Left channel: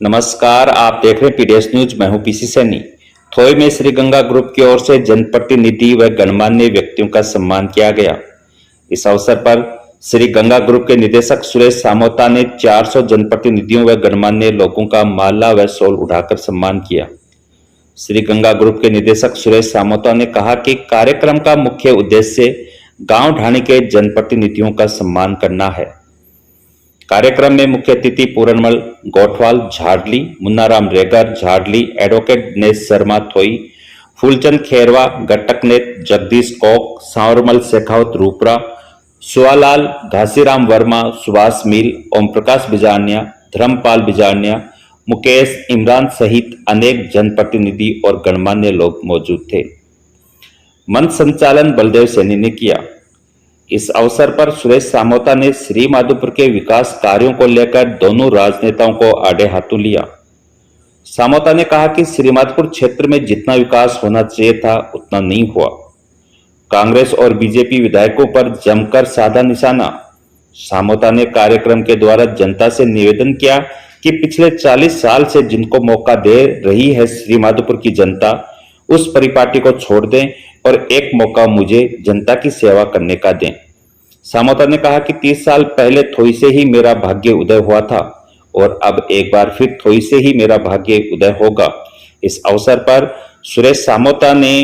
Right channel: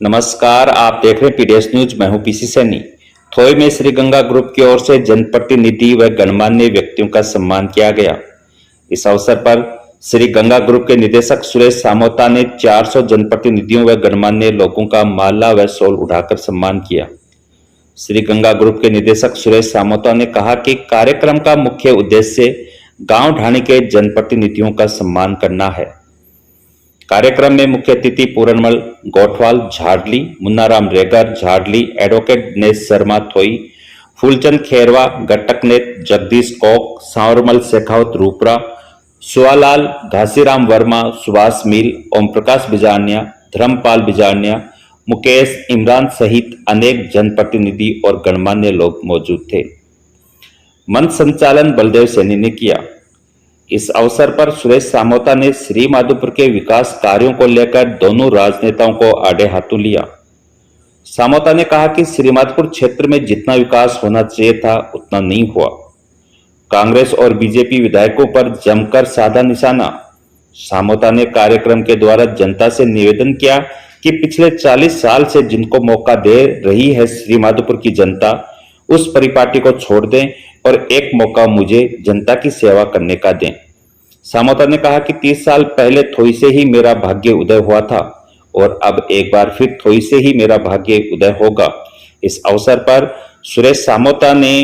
नमस्कार, आप देख रहे हैं पीडीएस न्यूज। मैं हूं पीसी सैनी। थोई में श्री गंगा ग्रुप की ओर से जनप्रतिनिधि व गणमान्य व्यक्तियों का सम्मान किया गया। इस अवसर पर श्री गंगा ग्रुप के निदेशक सुरेश सामोता ने 400 जनप्रतिनिधियों व गणमान्य लोगों का माला व शॉल उठाकर सम्मान किया। श्री गंगा ग्रुप के निदेशक सुरेश सामोता ने कहा कि कार्यक्रम का मुख्य उद्देश्य गांव ढाणी के जनप्रतिनिधियों का सम्मान करना है। कार्यक्रम में मुख्य अतिथि पूरनमल गोठवाल झाडली, मुन्नाराम रेगर झाडली, एडवोकेट दिनेश शर्मा थोई, फूलचंद खेरवा, गट्टकनेत, जगदीश कोक, सांवरमल शेखावत रूपरा, सुवालाल, घासीराम वर्मा, सुभाष मील, ओम प्रकाश बिजारनिया, धर्मपाल बिजारनिया, मुकेश, इमरान सहित अनेक जनप्रतिनिधि और गणमान्य लोग मौजूद थे। मंच संचालन बलदेव सैनी ने किया। इस अवसर पर सुरेश सामोता ने श्री माधोपुर के विकास कार्यों को लेकर दोनों राजनेताओं को आड़े हाथों लिया। सामोता ने कहा कि श्री माधोपुर क्षेत्र में जितना विकास होना चाहिए था उतना नहीं हुआ। कांग्रेस और बीजेपी विधायकों पर जमकर साधा निशाना। सामोता ने कार्यक्रम के द्वारा जनता से निवेदन किया कि पिछले 40 साल से जिनको मौका दे रही है श्री माधोपुर की जनता, उस परिपाटी को छोड़ दें और एक मौका मुझे जनता की सेवा करने का दें। सामोता ने कहा कि 30 साल पहले थोई से ही मेरा भाग्य उदय हुआ था और अब एक बार फिर थोई से ही मेरा भाग्य उदय होगा। इस अवसर पर सुरेश सामोता ने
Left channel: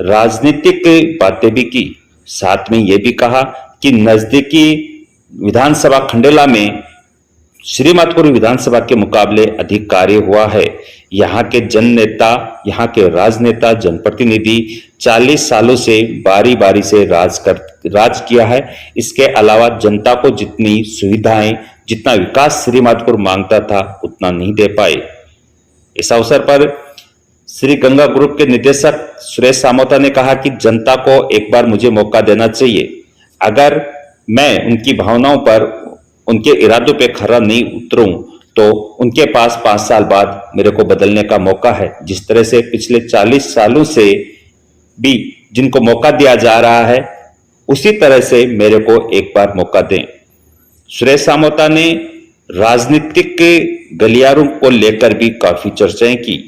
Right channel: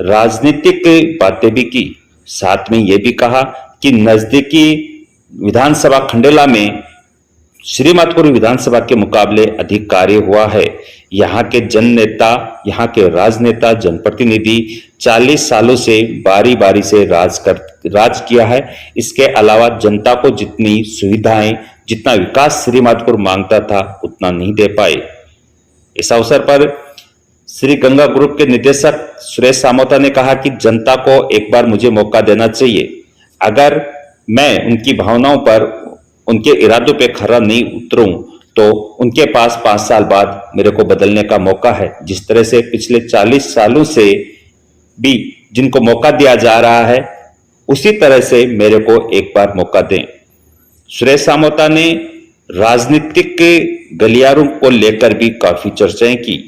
राजनीतिक बातें भी की। साथ में यह भी कहा कि नजदीकी विधानसभा खंडेला में श्री माधोपुर विधानसभा के मुकाबले अधिक कार्य हुआ है। यहाँ के जन नेता, यहाँ के राजनेता, जनप्रतिनिधि 40 सालों से बारी बारी से राज किया है। इसके अलावा जनता को जितनी सुविधाएं, जितना विकास श्री माधोपुर मांगता था उतना नहीं दे पाए। इस अवसर पर श्री गंगा ग्रुप के निदेशक सुरेश सामोता ने कहा कि जनता को एक बार मुझे मौका देना चाहिए। अगर मैं उनकी भावनाओं पर, उनके इरादों पे खरा नहीं उतरूं तो उनके पास 5 साल बाद मेरे को बदलने का मौका है। जिस तरह से पिछले 40 सालों से भी जिनको मौका दिया जा रहा है, उसी तरह से मेरे को एक बार मौका दें। सुरेश सामोता ने राजनीतिक के गलियारों को लेकर भी काफी चर्चाएं की।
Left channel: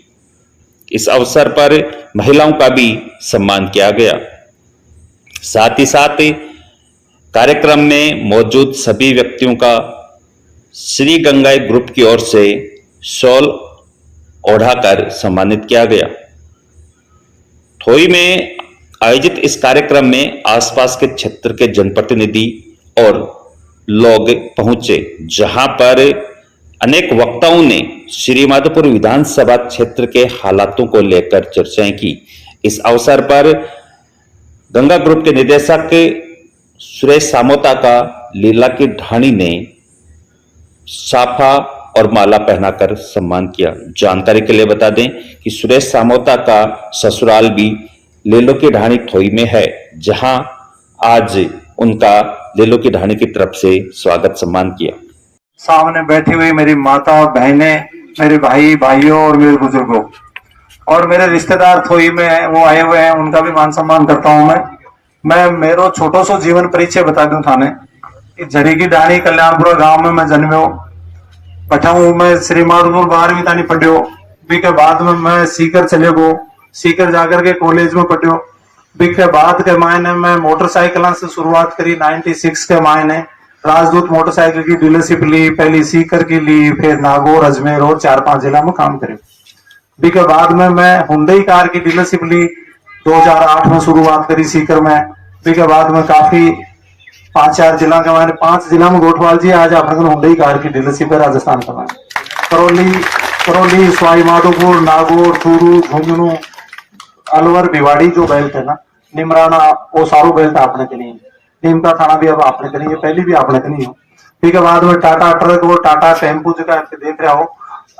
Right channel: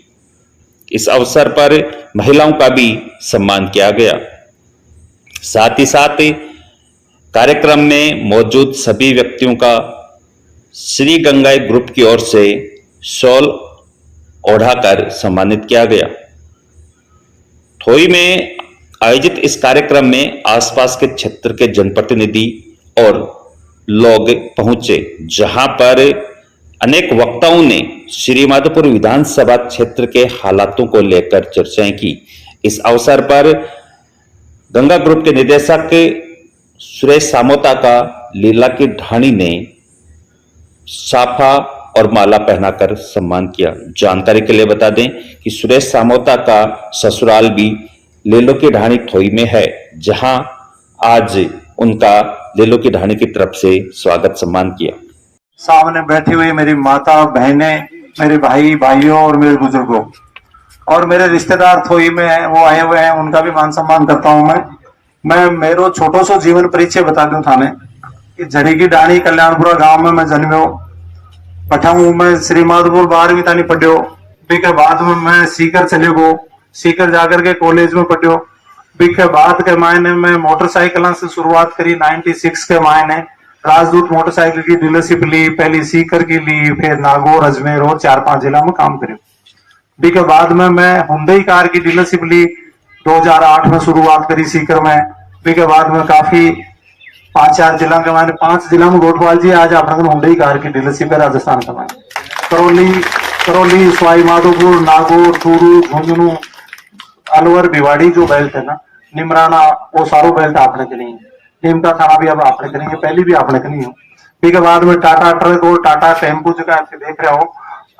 इस अवसर पर महिलाओं का भी सम्मान किया गया। साथ ही साथ कार्यक्रम में मौजूद सभी व्यक्तियों का श्री गंगा ग्रुप की ओर से शॉल ओढ़ाकर सम्मानित किया गया। थोई में आयोजित इस कार्यक्रम में आसपास के क्षेत्र के जनप्रतिनिधि और लोग पहुंचे, जहां पर अनेक वक्ताओं ने श्री माधोपुर विधानसभा क्षेत्र के हालातों को लेकर चर्चाएं की। इस अवसर पर गंगा ग्रुप के निदेशक सुरेश सामोता का लीला की ढाणी ने साफा और माला पहनाकर सम्मान किया। जानकारी के लिए बता दें कि सुरेश सामोता का ससुराल भी लेलो की ढाणी थोई में है, जहां आज उनका लेलो की ढाणी की तरफ से स्वागत सम्मान किया। सामने बैठी हुई मेरी माता, बहनें, मेरे भाई, भाइयों और मेरे बुजुर्गों और मेरे रिश्तेदार थोई में है, वो आए हुए हैं, उनका भी मान सम्मान करता हूं। मैं मेरो छोटो सो जीवन परिचय बता दूं थाने कि झड़ी की डाणी कल्याणपुरा गांव में मैं जन्म्यो, पठाऊ मैं श्री माधोपुर 12वीं तानी पढ़ियो। के बाद में मैं सीकर चले गो, सीकर जाकर के कॉलेज में पढ़ियो। के बाद के मायने मैं मोटरसाइकिल से शुरुआत करी 96 के मायने राजदूत मोटरसाइकिल की डीलरशिप ली, पहली सीकर की ली, फिर नागौर, अजमेर और 4-5 जिला में काम करे। के बाद में मैं हुंडई कार की डीलरशिप ली, 2008 में शुरुआत करी सीकर में। के बाद में काफी 5-4 जिला के मायने 5 जिला में गोठवाल जी आज अपने हुंडई कार की डीलरशिप है राजस्थान का। करौली, सवाई माधोपुर, नागौर, चूरू, झुंझुनू, अलवर, भिवाड़ी जो बेल्ट है ना, निमराना, वो सारो बेल्ट आपने के नहीं है। नीमका थाना भी अब आपने के नहीं है, पहली भी आपने के नहीं हो। के बाद में टाटा ट्रक और टाटा टेम्पू जगह देख रहे हो,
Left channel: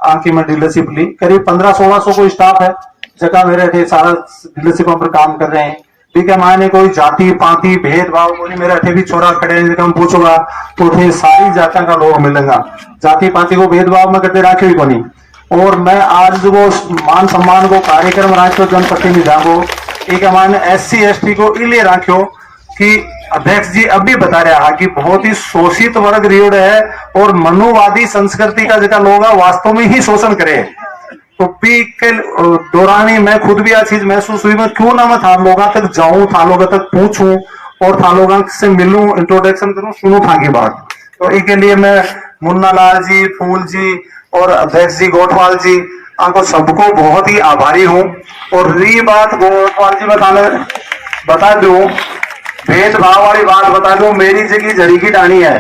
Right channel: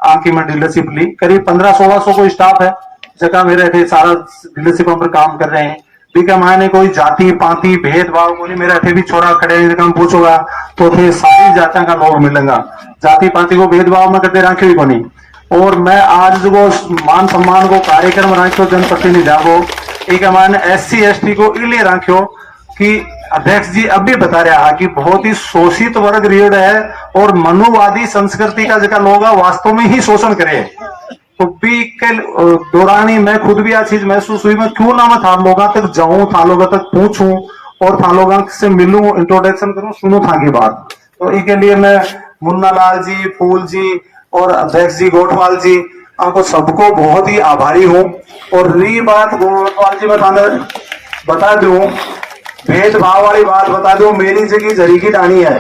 आंकी में डीलरशिप ली। करीब 1500-1600 को स्टाफ है जगह मेरे सारा डीलरशिप पर काम कर रहे हैं। ठीक है, मैंने कोई जाति पाति भेदभाव को नहीं, मेरे अठे भी छोरा खड़े हम पूछोगा तो थे सारी जातियों का लोग मिलेगा, जाति पाति को भेदभाव में करते रखे को नहीं। और मैं आज वो मान सम्मान को कार्यक्रम रखो जनप्रतिनिधियों को, एक हमारे SC ST को इसलिए रखो कि अध्यक्ष जी अब भी बता रहा कि बहुत ही शोषित वर्ग रीढ़ है और मनुवादी संस्कृति का जगह लोग वास्तव में ही शोषण करे। तो पी के दौरान ही मैं खुद भी यह चीज महसूस हुई, मैं क्यों ना मैं था लोगों तक जाऊं, था लोगों तक पूछूं और था लोगों से मिलूं, इंट्रोडक्शन करूं, सुनूं था की बात। तो इसके लिए मैं मुन्ना लाल जी, फूल जी और अध्यक्ष जी गोठवाल जी आपको सबको बहुत ही आभारी हूं। और रही बात गोठवाल जी बता दूं, भेदभाव वाली बात बता दूं, मेरी जगह जरी की डाणी है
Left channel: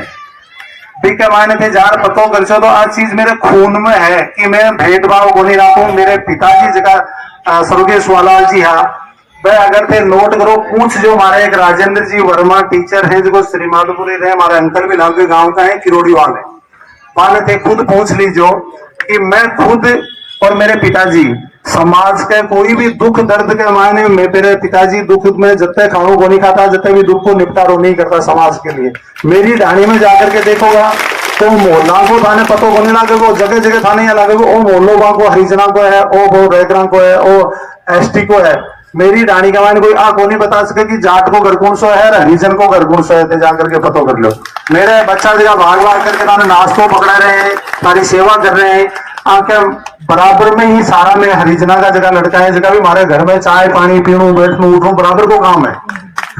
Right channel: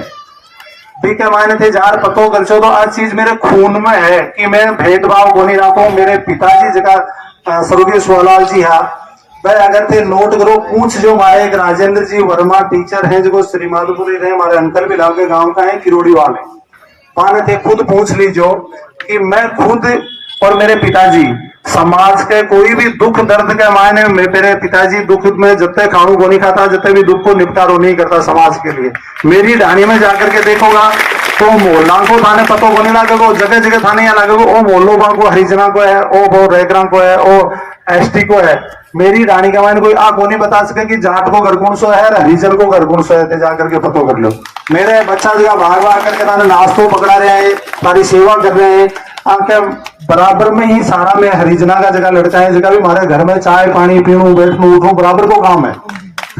के मायने थे जार पतो कर तो आज चीज मेरे खून में है कि मैं भेदभाव को नहीं रखू। मेरे पिताजी जगह स्वर्गीय सुवालाल जी हाँ, वह अगर थे नोट करो पूछ जो हमारे एक राजेंद्र जी वर्मा टीचर हैं जो श्री माधोपुरी रहे, हमारे अंकल भी लाल के गांव का है, किरोड़ी वाले माने थे, खुद पूछ लीजो कि मैं खुद और मेरे पिताजी समाज के कोई भी दुख दर्द के मायने में मेरे पिताजी दुख में जब तक खाणु को नहीं खाता, जब तक भी दुख को निपटारो नहीं करता समाज के लिए। मेरी ढाणी में जाकर के देखोगा तो मोहल्ला को थाने पतो को नहीं लागेगो, जगह जगह थाने यहाँ लागेगो, ओ मोहल्लो को हरिजना को है, ओ रेगरा को है, ओ एसटी को है। मेरी ढाणी का मायने कोई आ को नहीं बता सके कि जाट को घर कौन सो है, हरिजन को घर कौन सो है, जाकर के पतो कर लो। मेरे बच्चा जगह भाग भाग करके थाने नाश्तो पकड़ा रहे हैं, हमारी सेवा कर रहे हैं, आके बराबर में ही सारा में हरिजना का जगह लड़का है, जगह भी हमारे घर में चाय पानी पीणू बैठनू उठू बराबर को काम है,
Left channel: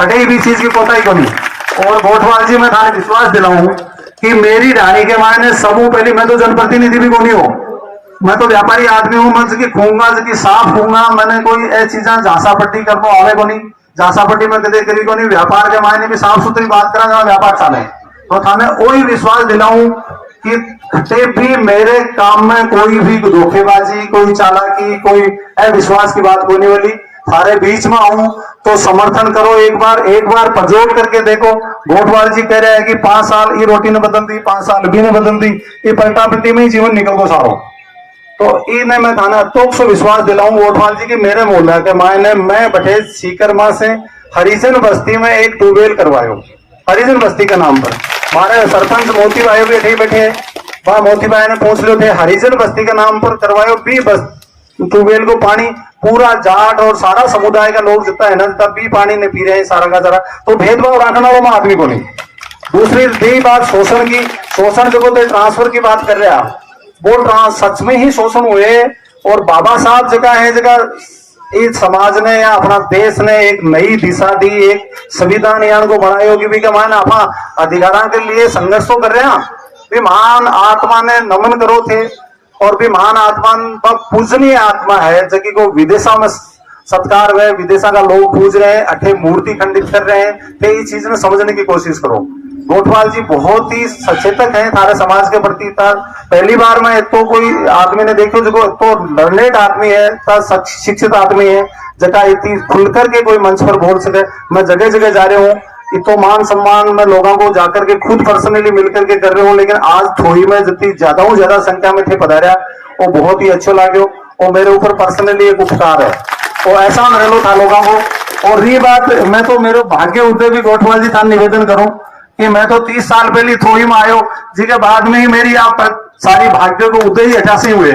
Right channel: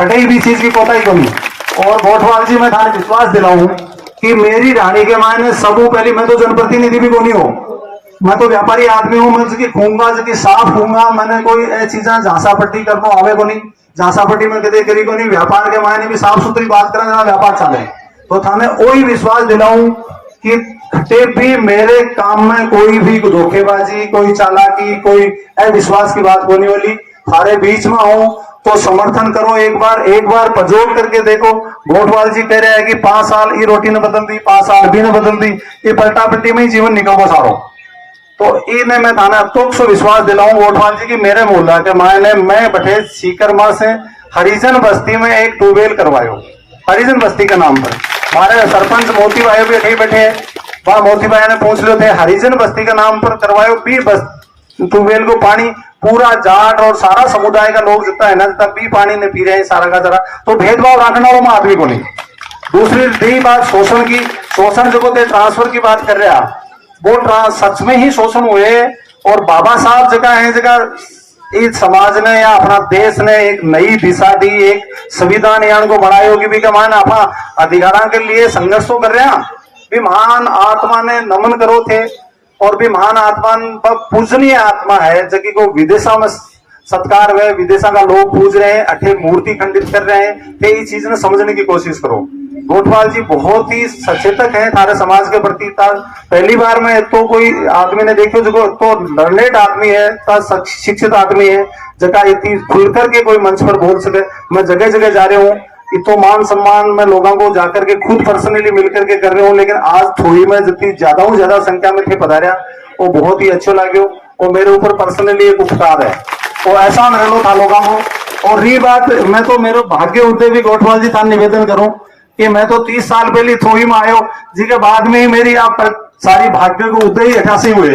कटे भी चीज की कोताही को नहीं। और गोठवाल जी मैं थाने विश्वास दिलाऊं कि मेरी ढाणी के मायने सबू पहले मैं तो जनप्रतिनिधि भी को नहीं हूं, मैं तो व्यापारी आदमी हूं, मैं जबकि खूंगा जबकि साफ खूंगा, मैंने कोई ऐसी चीजें झांसा पट्टी करने आवे को नहीं, झांसा पट्टी में कदे करी को नहीं। व्यापार के मायने भी साफ सुथरी बात करा जहाँ व्यापार चाले, तो थाने वही विश्वास दिलाऊं कि खटे भी मेरे काम में कोई भी धोखेबाजी, कोई चालाकी, कोई अविश्वास की बात होने वाली। थारे बीच में आऊं तो समर्थन करो, एक बार पजोड़ करके देखो। गोठवाल जी कह रहे हैं कि 5 साल ये रोटी ने बदल दी, 5 साल भी ने बदल दी, ये पलटा पलटी में ही जीवन निकल गो सारो। तो इन्हें मैं थाना तो विश्वास दिलाऊं गोठवाल जी की मेरे मोहल्ला के मायने मैं बैठे सीकरमा से हरिजन बस्ती में एक ट्यूबवेल करवायो, हरिजन बस्ती के नाम पर। हमारे सरपंच मोती भाई भी यही बैठे, वहां मोती भाई ने पूछ लो थे, हरिजन बस्ती के नाम पर करवायो भी बस ट्यूबवेल को पानी पूरा जाट और सारा समुदाय का लोग जितना है ना तब भी पानी नहीं पी रहे हैं सारा का सारा। तो भेदभाव रखना वो आदमी को नहीं। दूसरी दी बात शोषण की, शोषण जो ट्रांसफर की बात कर रहा वो सच में ही शोषण हुए। और बाबा साहब जगह है जगह इस समाज ने या अपना देश ने एक नई दिशा दी, एक संविधान यान को बनाए होगी भी कमान अपना अधिकारों के लिए संघर्ष तो कर रहे हैं। भी महान आत्मा ने नमन करो थे और भी महान आत्मा पूजनीय आत्मा है जबकि को विदेशों में सत्कार हुए, विदेशा का लोग पूज रहे हैं, अठे मूर्ति खंडित कर रहे हैं, तो ये चीज ने समझने की कोशिश करो। गोठवाल जी बहुत ही सचेतक हैं थारे समाज के प्रति। पहली बार में तो कोई आदमी ने देखो जो तो लर्नेड आदमी है, शिक्षित आदमी है, जगह इतनी खुलकर के कोई मंच पर बोल सके। मैं जगह जगह जा रहा हूँ, इतो मान सम्मान मैं लोगों को जाकर के खुद पर्सनली मिलकर के कर रहे हूँ, लेकिन आज थोड़ी में जितनी ज्यादा संख्या में थे पधारा वो बहुत ही अच्छा लगे और मेरे ऊपर पर्सनली एक उपकार है और ऐसा रह लो था लोगों को। और ये बात मैं तो मेरे भाग्य उदय भी गोठवाल जी था निवेदन करूं कि मैं तो 30 साल पहले थोड़ी में आयो, जिसके बाद में ही मेरी आप सारी भाग्य को उदय ही 88 हुए।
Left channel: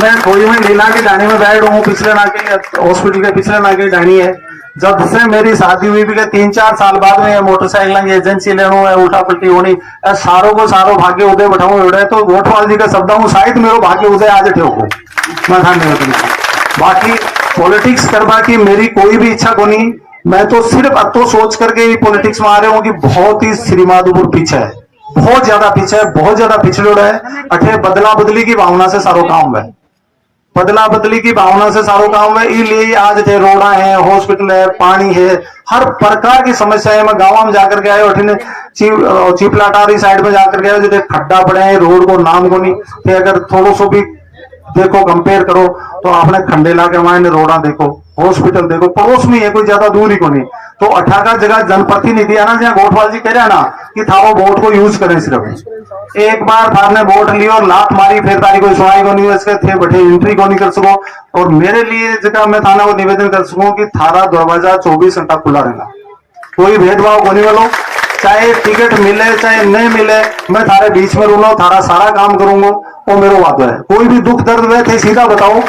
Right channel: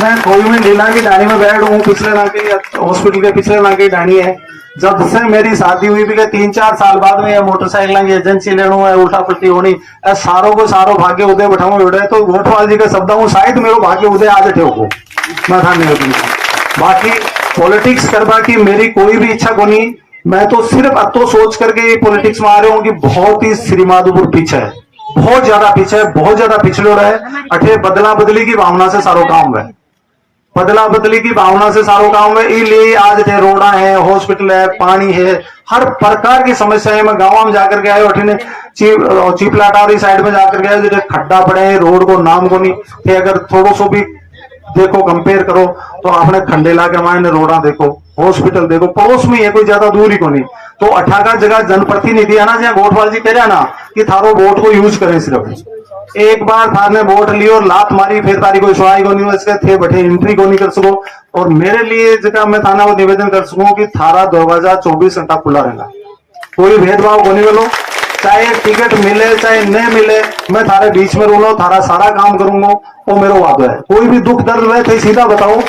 मैं थोड़ी में लीला की डाणी में बैठ हूँ, पिछले ना के हॉस्पिटल के पिछले ना की डाणी है। जब से मेरी शादी हुई भी 3-4 साल बाद में मोटरसाइकिल की एजेंसी लेना उल्टा पलटी होनी, सारों को सारो भाग्य उदय बैठाऊ उड़े। तो गोठवाल जी के शब्द हूँ शायद मेरो भाग्य उदय आज ठेको मैं था निवेदन। बाकी पॉलिटिक्स करवा की मेरी कोई भी इच्छा को नहीं, मैं तो सिर्फ तो सोच करके पॉलिटिक्स में आ रहा हूँ कि बहुत ही श्री माधोपुर पीछे है, बहुत ज्यादा पीछे है, बहुत ज्यादा पिछड़े है। अठे बदला बदली की भावना से सारो काम है, बदला बदली की भावना से सारो काम है। इसलिए आज थे रोड़ा है, हॉस्पिटल है, पानी है, हर प्रकार की समस्या है। मैं गाँव में जाकर के आयो, अठे चीपलाटारी साइड में जाकर के आयो, जो खड्डा पड़े हैं, रोड को नाम को नहीं। अगर थोड़ा सो भी देखो कंपेयर करो तो आपने खंडेला के मायने रोड़ा देखो, हॉस्पिटल देखो, पड़ोस में है, कोई ज्यादा दूर ही को नहीं। तो 18 जगह जनप्रतिनिधि है ना, जहाँ गोठवाल जी कह रहे हैं ना कि था वो वोट को यूज करें, सिर्फ एक बार था ने वोट लियो और लात मारी, फिर तारी कोई सुनाई को नहीं, इसके थे बैठे एंट्री को नहीं कर सको। और मेरे लिए जगह मैं थाना को निवेदन कर सकूं कि थारा दरवाजा 24 घंटा खुला रहेगा, कोई भेदभाव होने वालों, चाहे टिकट मिले चाहे नहीं मिले, मैं थारे बीच में रहूंगा, थारा सारा काम करूंगा, वो मेरा वादा है। कोई भी दुख दर्द में थे सीधा बताओ।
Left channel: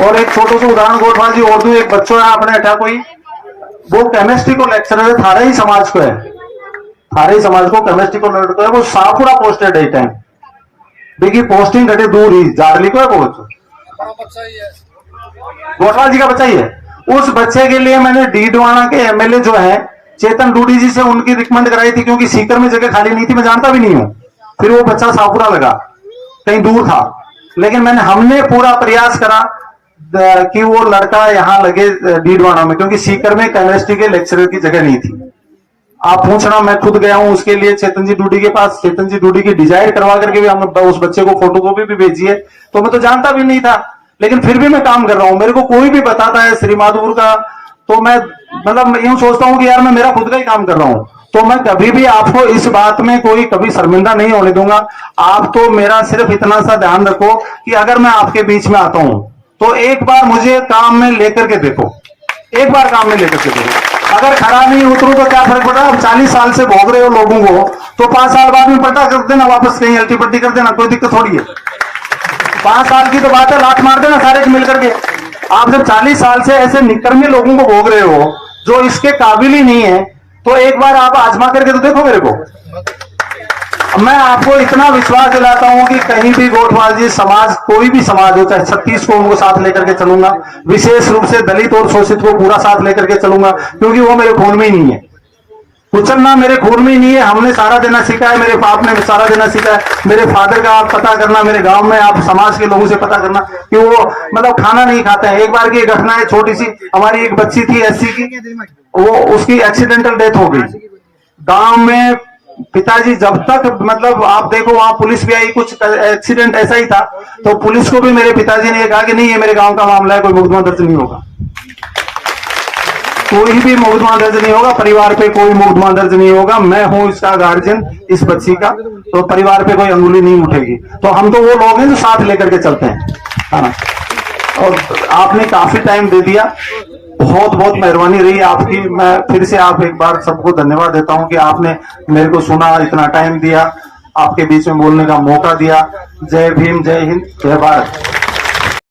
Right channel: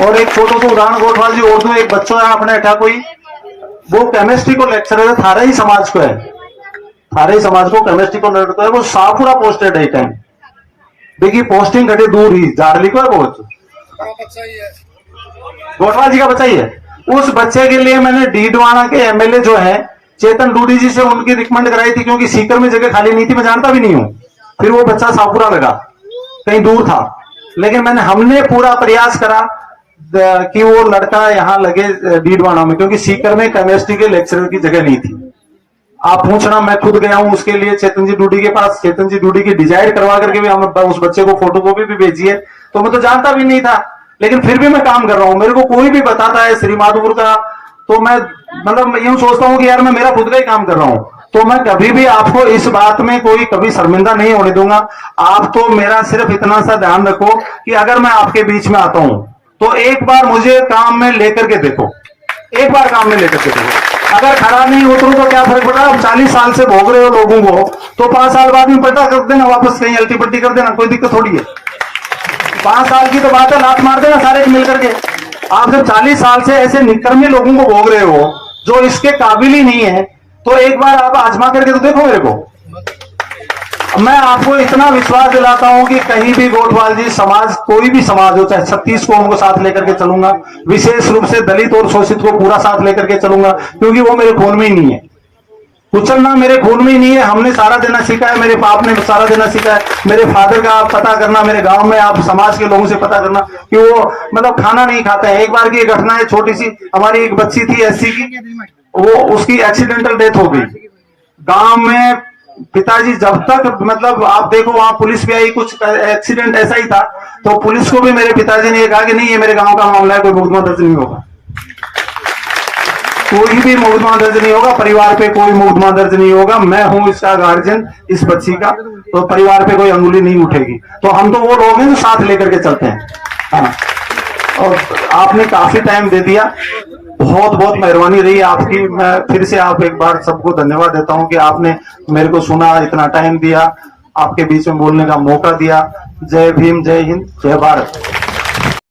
और एक छोटा सा उदाहरण गोठवाल जी और दूं, एक बच्चों है अपने अठा कोई, वो केमिस्ट्री को लेक्चरर है, थारा ही समाज को है, थारे समाज को केमिस्ट्री को लड़का है वो सापुरा पोस्टेड है टाइम देखिए पोस्टिंग घटे दूर ही जाड़ली को है बहुत गोठवाल जी का बच्चा ही है। उस बच्चे के लिए मैंने डीडवाना के एमएलए जो है चेतन डूडी जी से उनकी रिकमेंड कराई थी क्योंकि सीकर में जगह खाली नहीं थी, मैं जानता भी नहीं हूं। फिर वो बच्चा सापुरा लगा, कहीं दूर था, लेकिन हमने पूरा प्रयास करा कि वो लड़का यहाँ लगे डीडवाना में, क्योंकि सीकर में केमिस्ट्री के लेक्चरर की जगह नहीं थी। आप पूछना, मैं खुद गया हूं उसके लिए चेतन जी डूडी के पास, चेतन जी डूडी की डिजाइन करवा करके भी हम उस बच्चे को फोटोकॉपी भी भेजी है। तो मैं तो जानता भी नहीं था, लेकिन फिर भी मैं काम कर रहा हूं। मेरे को कोई भी बताता है श्री माधोपुर का, तो मैं मतलब यूं सोचता हूं कि यार मैं मेरा खुद का ही काम कर रहा हूं। तो मैं कभी भी आपको इस बात में कोई कभी शर्मिंदा नहीं होने दूंगा। आप तो मेरा सिर्फ इतना सा ध्यान रखो कि अगर मैं आपके बीच में आता हूं तो एक बार मुझे काम में लेकर के देखो, एक बार काम में लेकर के देखो। अगर खराब नहीं उतरू तो क्या फर्क पड़ा? अब 40 साल से भोग रहे हो लोगों को, तो 5 साल बाद में पलटा कर देना, वापस कहीं अल्टी पट्टी कर देना, कोई दिक्कत थोड़ी है। 5 साल की तो बात है, लात मार देना सारे मिलकर के। आप जब 40 साल से ऐसे निकर्मी लोगों को भोग रहे हो जो इसके काबिल ही नहीं है, तो एक बार आप आजमा करके तो देखो मेरे को। मैं आपको इतना विश्वास दिलाता हूं कि कहीं भी गोठवाल जी समाज, कोई भी समाज हो, चाहे 36 को उनको साथ लेकर के चलूंगा, विशेष रूप से दलित और शोषित को पूरा साथ लेकर के चलूंगा, क्योंकि वो मेरे खून में ही नहीं है। कुचलना मेरे खून में ही नहीं है। हमने सारा देना सीखा है, मेरे बाप ने सारा देना सीखा है। मेरे फादर का आप पता करना, मेरे गांव में आप समाज के लोगों से पता करना कि वो मतलब खाना नहीं खाता है। एक बार की घटना है छोटी सी, हमारी एक बच्ची थी एससी की, वो उसकी एक्सीडेंटल डेथ हो गई। गांव में पिताजी जब तक मतलब आप देखो वहां पुलिस भी आई, कुछ एक्सीडेंट ऐसा ही था, तो पुलिस को भी मेरे पिताजी ने कहा कि नहीं ये मेरे गांव का मामला है, कोई मुकदमा दर्ज नहीं होगा, कोई भी मुकदमा दर्ज नहीं होगा, परिवार पे कोई मुकदमा दर्ज नहीं होगा। मैं हूं इसका गार्जियन, इस बच्ची का, तो परिवार पे कोई अंगुली नहीं उठेगी। तो हम तो वो लोग हैं जो साथ लेकर के चलते हैं। हाँ, और आपने काफी टाइम दे दिया, बहुत बहुत मेहरबानी रही आपकी। मैं फिर से आप एक बार सबको धन्यवाद देता हूं कि आपने मेरे को सुना, इतना टाइम दिया, आपके बीच में बोलने का मौका दिया। जय भीम, जय हिंद, जय भारत।